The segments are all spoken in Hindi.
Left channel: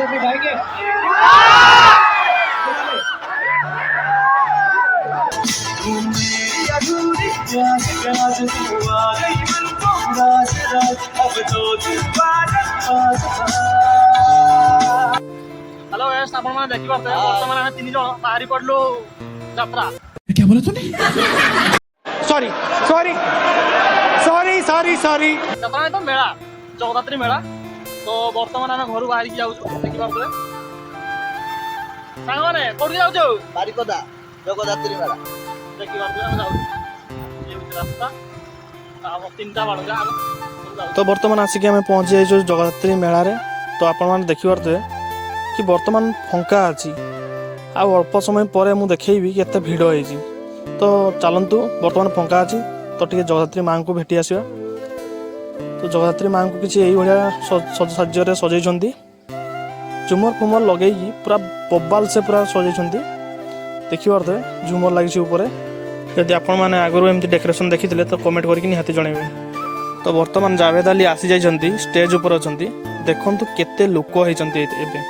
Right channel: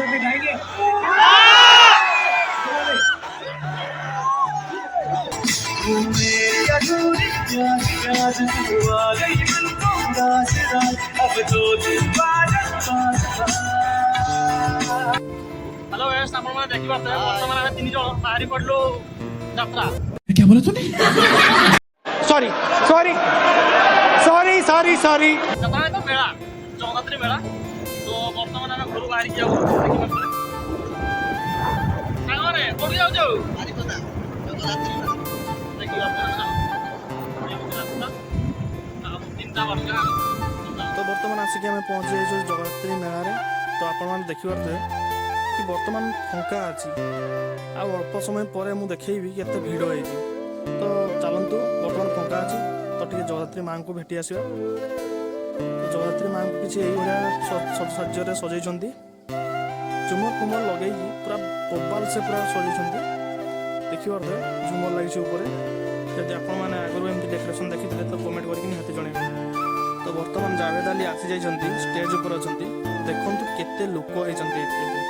साथ गाएंगे। हेलो गाइस, आपण माने देखि पाते वर्तमान हम तीन जण बाहरी पडलो यात्रा। क्या बोला तूने? Sorry sorry sorry sorry sorry. Japan तो मेला जगदात्री मेला तो वर्तमान हम घर बाहरी जाऊ देखि पाते। सागरे कोडी जाऊ जो बारिकोदा जगदात्री मेला देखि पाते जाऊ ये रास्ता अब तीनटा बाडगा। तो बर्तमान आसिक आम पहुँची जाइए जगदात्री मेला रे। तो आपण मैंने देखिपे कि बर्तमान फंका अच्छी आ अल्प समय पर मुझे देखी केते भिड़ हो। तो चलतु बर्तमान फंका अच्छी तो टे जगदात्री माँ को भेटी आसवा। तो जगदात्री माँ को किसी यही सज्जर सजाई झुमर फुमर लगे पूरा बबाल से पूरा सजाई देखिए झुमर लगी ऊपर। जदि आपण मैंने आगुरी एमती डेकोरेशन देखी तो कमेंट करके निहाती जनइबे। तो बर्तमान जावेद अली आसी जाइछन्ती स्टेज ऊपर अछन्ती देखंतु केते लोक होइछन्ती एबे।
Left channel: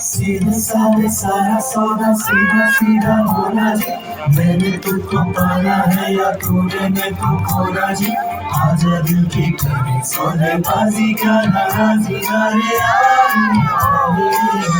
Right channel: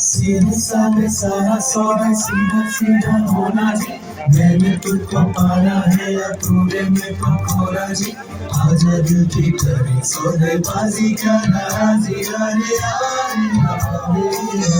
सीधा सारे सारा सोना सीधा सीधा होना जी मैंने तुझको पाना है या तूने मेरे को खोना जी आजा दिल की ठहरी सोने बाजी का नाराजी रे